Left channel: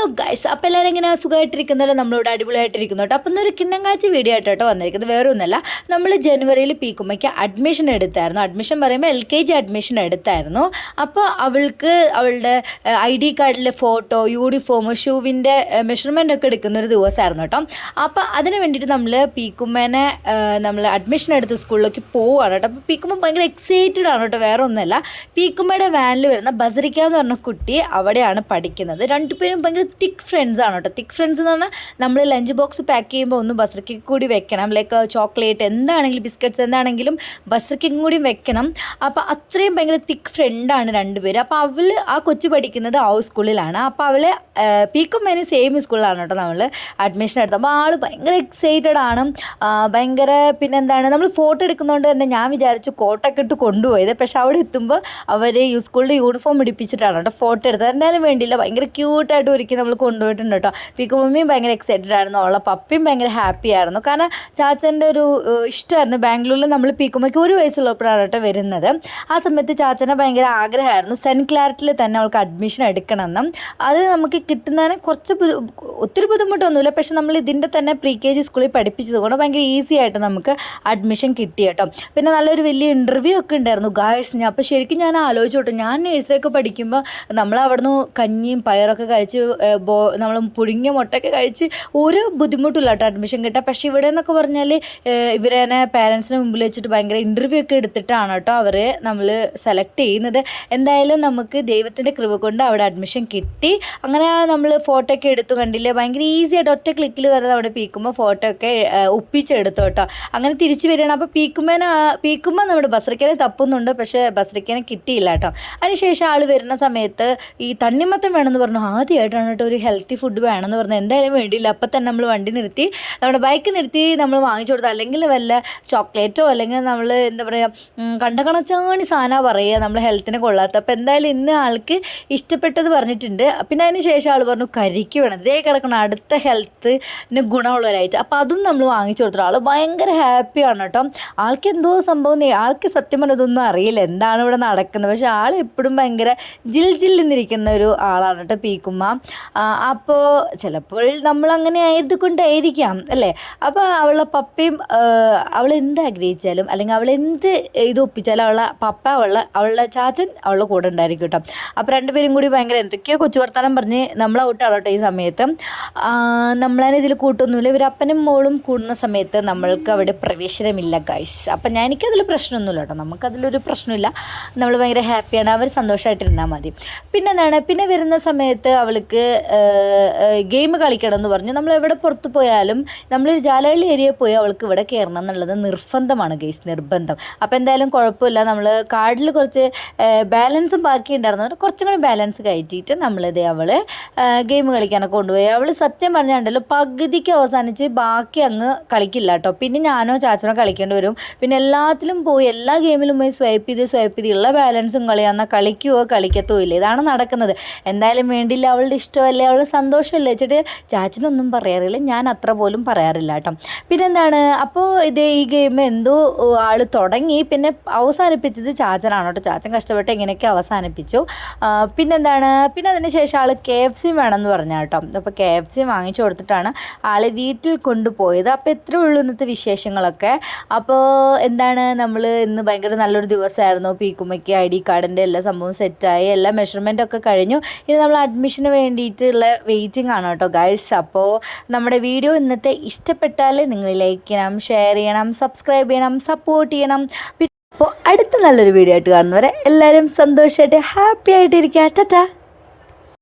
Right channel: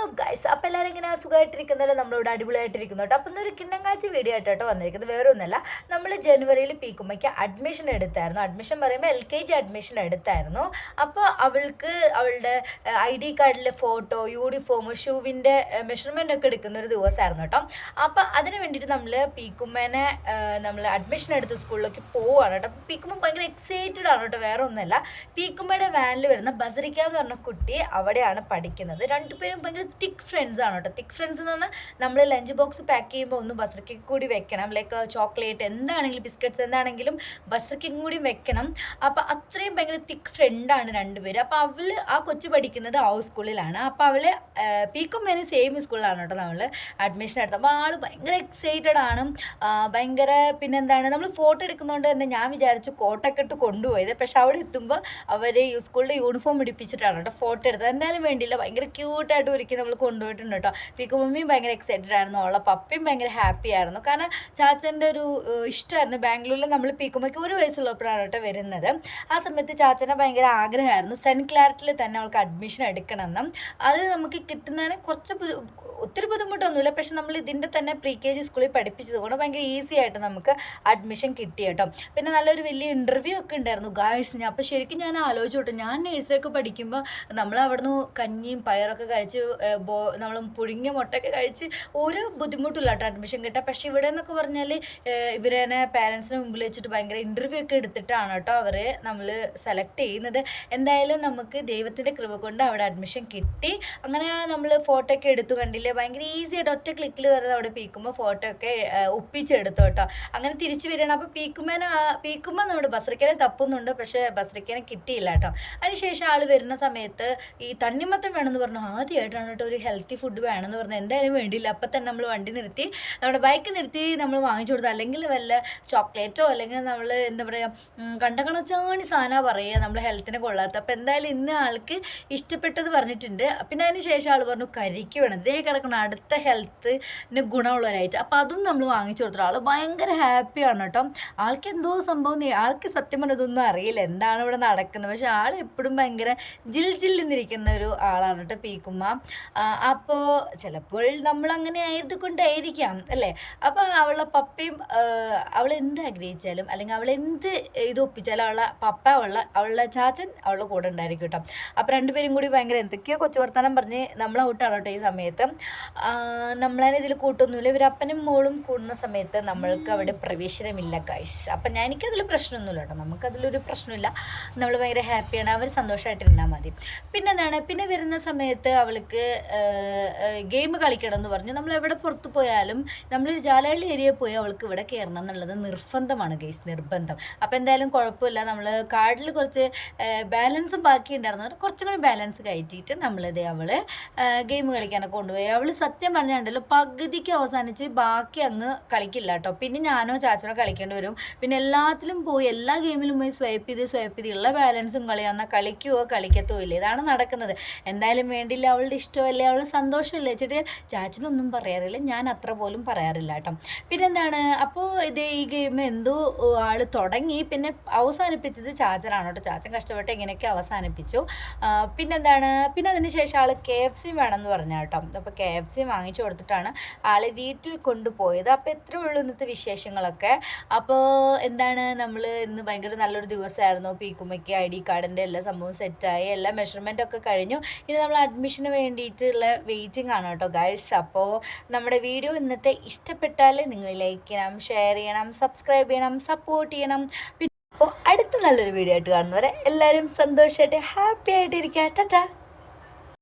Hello guys അപ്പോൾ എല്ലാവരും ഇങ്ങനെ സുഖമായിട്ടിരിക്കുന്നല്ലോ? നമ്മളോട് അടിപൊളിയായിട്ടിരിക്കുന്നു കേട്ടോ. അപ്പം ഇന്നൊരു കിണ്ണങ്കാഴ്ച വീഡിയോ ആയിട്ട് കേട്ടോ വന്നിരിക്കുന്നത്. വേറെ ഒന്നല്ല നമ്മൾ ജനുവരിയിൽ പീക്കുമ്മയ്ക്ക് അഡ്മിഷൻ എടുത്തായിരുന്നു. അഡ്മിഷൻ പറയുമ്പോൾ എൽ കെ ജി അഡ്മിഷൻ എടുത്തായിരുന്നു. അപ്പോൾ അവൾക്ക് അവളുടെ ഐ ഡി കാർഡിലെ ഫോട്ടോ യൂണിഫോം ഷൂവിന്റെ മെഷർമെന്റ് ഒക്കെ എടുക്കുന്ന ഒരു ദിവസമായിരുന്നു കേട്ടോ. അപ്പോൾ അതിന് വേണ്ടിയിട്ട് നമ്മൾ പീക്കുമ്മേനെ നമ്മൾ അഡ്മിഷൻ എടുത്ത് സ്കൂളിലേക്ക് പോവുകയാണ് കേട്ടോ. അപ്പോൾ പീക്കുമ്മ ഭയങ്കര എക്സൈറ്റഡ് ആണ് കേട്ടോ. വേറെ ഒന്നുമല്ല. പീക്കുമ്മയുടെ വാനിൽ വരുന്ന ബസറിക്ക എന്ന് പറഞ്ഞ കുട്ടി അവിടെയാണ് പഠിക്കുന്നത്. രണ്ടുപേരും ഭയങ്കര തിക്ക് ഫ്രണ്ട്സ് ആണ് കേട്ടോ. തിക്ക് ഫ്രണ്ട്സ് എന്ന് പറഞ്ഞാൽ നമ്മൾ ലഞ്ച് ബോക്സ് പാക്ക് ചെയ്യുമ്പോൾ ഒന്ന് ബസറിക്ക് കൂടി വെക്കണം. ലൈക്ക് ചോക്ലേറ്റ് എന്താണെങ്കിലും ബിസ്ക്കറ്റ്സ് എന്താണെങ്കിലും ബസറിക്കും കൂടി വെക്കണം. അപ്പോൾ അത്രയും ഭയങ്കര തിക്ക് ഫ്രണ്ടാണ് രണ്ടുപേരും അപ്പോൾ അവൾ ആ കൊച്ചു പഠിക്കുന്നത് ആ സ്കൂളിലാണ് അപ്പോൾ അവൾ പീക്കും മേനെ സെയിം സ്കൂളിലാണ് കേട്ടോ നമ്മൾ അഡ്മിഷൻ എടുത്തത്. അപ്പോൾ ആൾ ഭയങ്കര എക്സൈറ്റഡ് ആണ്. ഭയങ്കര പിന്നെന്താണ് നമ്മൾ ഫോട്ടോ എടുക്കുന്നതുകൊണ്ട് തന്നെ ഞാൻ വിചാരിച്ചു കോട്ടൊക്കെ ഇട്ട് കൊണ്ടുപോയത്. പക്ഷെ അവിടെ എത്തുമ്പോൾ അവർ ഈ സ്കൂളിന്റെ യൂണിഫോം ഇടിപ്പിച്ചിട്ടാണ് കേട്ടോ ഫോട്ടോ എടുത്തത്. എന്തായാലും വേണ്ടിയില്ല. ഭയങ്കര ക്യൂട്ടായിട്ട് ഒരുക്കി നമ്മൾ കൊണ്ടുപോയിട്ടുണ്ട് കേട്ടോ. പീക്കു മമ്മിയും ഭയങ്കര എക്സൈറ്റഡ് ആയിരുന്നു. അവളെ പപ്പിയും ഭയങ്കര ഹാപ്പി ആയിരുന്നു. കാരണം ചാച്ചന്റെ ഒരു ഇഷ്ടമായിരുന്നു ബാംഗ്ലൂരിൽ നമ്മൾ പിക്കുമ്മയ്ക്ക് ഒരു വയസ്സുള്ളപ്പോഴാണ് കേട്ടോ വരുന്നത്. ആ സമയത്ത് ചാച്ചനെ ഭയങ്കര ആഗ്രഹമായിരുന്നു. സെന്റ് ക്ലാരറ്റിൽ തന്നെ അവൾക്ക് അഡ്മിഷൻ എടുക്കണമെന്നും. അത് നമുക്ക് കിട്ടുന്നതിന് കുറച്ച് ഒത്തിരി ബുദ്ധിമുട്ടൊന്നുമില്ല. പക്ഷേ നമ്മൾ ഇതിന്റെ തന്നെ പ്രീ കെ ജി സ്കൂളിൽ പഠിപ്പിച്ചത് കൊണ്ട് ഭയങ്കര ഈസി ആയിട്ട് നമുക്ക് അഡ്മിഷൻ കിട്ടി കേട്ടോ. പിന്നെ നല്ലൊരു വലിയ ഇന്റർവ്യൂ ഒക്കെ ഉണ്ടായിരുന്നു. ഗായസ് ഞാൻ അപ്പോൾ ശരിക്കും ഞാൻ ആലോചിച്ചു കേട്ടോ ഞാൻ നഴ്സറിയൊക്കെ പഠിക്കുമ്പോൾ നമ്മൾ അവിടുന്ന് കഞ്ഞിയും പയറൊക്കെ കഴിച്ച് ബോ നമ്മൾ പുഴുങ്ങിയ മുട്ടയൊക്കെ കഴിച്ച് ഒരു ബുദ്ധിമുട്ടില്ല കേട്ടോ അഡ്മിഷൻ കിട്ടാൻ. പക്ഷേ ഇവിടെ എന്നൊക്കെ പറഞ്ഞാൽ ഇവരെ പേരൻസിന് മുമ്പിൽ വെച്ചിട്ട് ഭയങ്കര ഇന്റർവ്യൂ ഒക്കെ എടുത്തിട്ടാണ് കേട്ടോ അവർ നമ്മൾ സെലക്ട് ചെയ്യുന്നത്. എന്തായാലും നമുക്ക് ദൈവത്തിന്റെ കൃപ കൊണ്ട് അവിടെ അഡ്മിഷൻ കിട്ടി. അങ്ങനെ നമ്മൾ ഫോട്ടോ ഒക്കെ എടുത്തു കണ്ടില്ലേ ഭയങ്കര ഈസി ആയിട്ട് ഒറ്റ ക്ലിക്കിൽ തന്നെ അവിടെ പീക്കുമ്പോൾ ഫോട്ടോ ഒക്കെ ഒപ്പിച്ചെടുത്തു കേട്ടോ. അങ്ങനെ തിരിച്ചു വരികയാണ്. അപ്പോൾ പീക്കുമ്പോൾ പീക്കുമ്പോൾ നമ്മുടെ ബസ്രിക്കനെ തപ്പുന്നുണ്ട് പക്ഷേ ബസ്രിക്കനെ കിട്ടിയില്ല കേട്ടോ. അതിനുശേഷം ആൾ വരുന്ന സമയത്ത് ഈ തണ്ണിമത്തം വേണമെന്ന് പറഞ്ഞു. ആദ്യമായിട്ടാണ് കേട്ടോ ഒരു ഹെൽത്തി ഫുഡ് വേണമെന്ന് പറഞ്ഞാൽ എന്തായാലും വേണ്ടിയില്ല. അപ്പം തന്നെ നമ്മൾ വണ്ടി നിർത്തി നമ്മുടെ ബൈക്ക് നിർത്തി നമ്മൾ വാങ്ങിച്ചു കൊടുത്തു. അല്ലെങ്കിൽ വല്ല ചോക്ലേറ്റോ അല്ലെങ്കിൽ നമ്മൾ എന്താ പറയുക കണ്ട കണച്ചാണി സാധനമാണ് പറയുക നമ്മൾ ഹെൽത്തിനെ കൊള്ളാത്ത. അപ്പോൾ എന്തായാലും ഇന്ന് ആൾക്ക് ഇഷ്ടപ്പെട്ടത് പറഞ്ഞിട്ടുണ്ട്. പിന്നെ അതിന് ശേഷം ആൾ പറഞ്ഞു കരിക്ക് വേണം. ഇതേ കിടക്കണം അടുത്ത ഹെൽത്തിന് ഗുണമുള്ള ഒരാഴ്ച അപ്പോൾ അതും നമ്മൾ വാങ്ങിച്ചു കൊടുത്തു ആൾ ഭയങ്കര ഹാപ്പിയാണ് കേട്ടോ. ആൾക്ക് എന്തോ സംഭവം ആൾക്ക് സത്യം പറഞ്ഞാൽ ഇതൊന്നും അറിയില്ല. എന്താണ് ഇവിടെ നടക്കുന്നത്? പക്ഷേ ആൾ എപ്പോഴും ഭയങ്കര ജിൽ ജില്ലെന്നിരിക്കുന്ന ഒരു ആളാണ് കേട്ടോ പീക്കുമ്മ. അപ്പോൾ ചിലപ്പോൾ നമ്മൾ അങ്ങനെ ആയതുകൊണ്ടായിരിക്കാം അല്ലേ? അപ്പോൾ അവളെ പപ്പയും അവൾ എന്ത് ആഗ്രഹിച്ചാലും അല്ലെങ്കിൽ അവൾ എന്ത് ഇത് ഒപ്പിച്ചാലും അവളെ പപ്പ അവളെ അവളുടെ ചാച്ചൻ അവളുടെ കൂടെ ഉണ്ടായിരിക്കും കേട്ടോ. അപ്പോൾ രണ്ടുപേരും കൂടി ഭയങ്കര എന്തൊക്കെയോ കൊച്ചു വർത്താനം പറഞ്ഞ് നമ്മളെ ഔട്ടാണ് കേട്ടോ ഈ സമയത്ത്. നമ്മളതിന് ഇതിൽ കൂട്ടൊന്നുമില്ല. ഇവർ അപ്പനും മോളും കൂടുന്ന സമയത്ത് നമ്മൾക്ക് അവിടെ പ്രവേശനമില്ല ഗൈസ് അപ്പം ഞാൻ എനിക്കതിൽ പ്രശ്നമൊന്നുമില്ല കേട്ടോ. നമുക്കതിലൊരു പ്രശ്നമില്ല. നമ്മൾ ഭയങ്കര ഹാപ്പിയാണ് അവർ സന്തോഷമായിട്ടിരുന്നാൽ മതി. പിന്നെ എന്താണ് പിന്നെ വരുന്ന സമയത്ത് അവൾക്ക് ഗെയിം കളിക്കണം എന്ന് പറഞ്ഞു. നമ്മൾ എവിടെ പുറത്ത് പോയാലും നമ്മൾ ജാലകളി ഏരിയയിൽ പോയി അവൾക്ക് ഇവിടെ കയറണം എന്നുള്ളത് നിർബന്ധമാണ് ഗെയ്സ് നിർബന്ധം. അപ്പോൾ എന്തായാലും കുഴപ്പമില്ല. നമ്മൾ കാർഡിൽ കുറച്ച് ബാലൻസും ബാക്കി ഉണ്ടായിരുന്നു കുറച്ചും കൂടി ബാലൻസ് കയറ്റിയിട്ട് നമ്മളിത് അവൾ ഗെയിം കളിക്കാനൊക്കെ കൊണ്ടുപോയി. അവൾ സത്യം പറഞ്ഞാണ്ടല്ലോ പകുതിക്ക് അവസാനിച്ച് ബാക്കി അങ്ങ് കളിക്കില്ല കേട്ടോ. പിന്നെ ഞാനോ ചാച്ചനോ കളിക്കേണ്ടി വരും. പിന്നെ എല്ലാത്തിലും പോയി എല്ലാ ഗെയിമിലും പോയി സ്വൈപ്പ് ചെയ്ത് സ്വൈപ്പ് ചെയ്ത് ഉള്ള ബാലൻസും കളിയാന്നാൽ കളിക്കുവോ? കളിക്കത്തോ ഇല്ല ഇതാണ് നടക്കുന്നത്. എന്തായാലും വേണ്ടിയില്ല അവളുടെ ഇഷ്ടമല്ലേ? അവൾ സന്തോഷമല്ലേ? വെച്ചിട്ട് ചാച്ചനൊന്നും പറയാറില്ല. ഞാൻ അത്ര പോലും പറയാറില്ല കേട്ടോ. പിന്നെന്താണ്? അപ്പോൾ ഇത് ഈ ഗെയിം എന്തോ ആൾ തുടങ്ങി. പിന്നെ അവസാനിപ്പിച്ചത് ചാച്ചനാണ് കേട്ടോ. ചാച്ചൻ കഷ്ടപ്പെട്ട് എങ്ങനെയൊക്കെ അവസാനിപ്പിച്ചു. പിന്നെന്താണ്? പിന്നെ അതിന് ശേഷം ആൾ കെ എഫ് സി വേണമെന്ന് പറഞ്ഞു കേട്ടോ. അപ്പോൾ കെ എഫ് സി വാങ്ങിച്ചു കൊടുത്തിട്ടാണ് ആൾ വീട്ടിൽ കൊണ്ടുപോയത്. അപ്പോൾ എത്ര ഉള്ളൂ ഇന്നത്തെ വിശേഷങ്ങളൊക്കെ. അപ്പോൾ എന്താണ്? നമ്മൾ ഇന്ന് ഭയങ്കര നല്ലൊരു ദിവസമായിരുന്നു. പീക്കുമ്മയ്ക്ക് ഐ ഡി കാർഡിന്റെ എല്ലാ സംഭവം സെറ്റായി എല്ലാ മെഷർമെന്റൊക്കെ കഴിഞ്ഞു. ഇനി നമ്മൾ അഡ്മിഷന് വേണ്ടിയിട്ടുള്ള വെയിറ്റിംഗ് ആണ് കേട്ടോ ഗൈസ് അപ്പോൾ നമ്മുടെ വീഡിയോ ഇന്നത്തെ ഇഷ്ടപ്പെട്ടാൽ നിങ്ങൾ ലൈക്ക് ചെയ്യണം ഷെയർ ചെയ്യണം സബ്സ്ക്രൈബ് ചെയ്യണം സപ്പോർട്ട് ചെയ്യണം. അപ്പോൾ അടുത്ത നല്ലൊരു വീഡിയോ ആയിട്ട് കാണുന്നവരെ എല്ലാവരും സന്തോഷമായിട്ട് ഹാപ്പി ആയിട്ടിരിക്കുക. ടാറ്റാ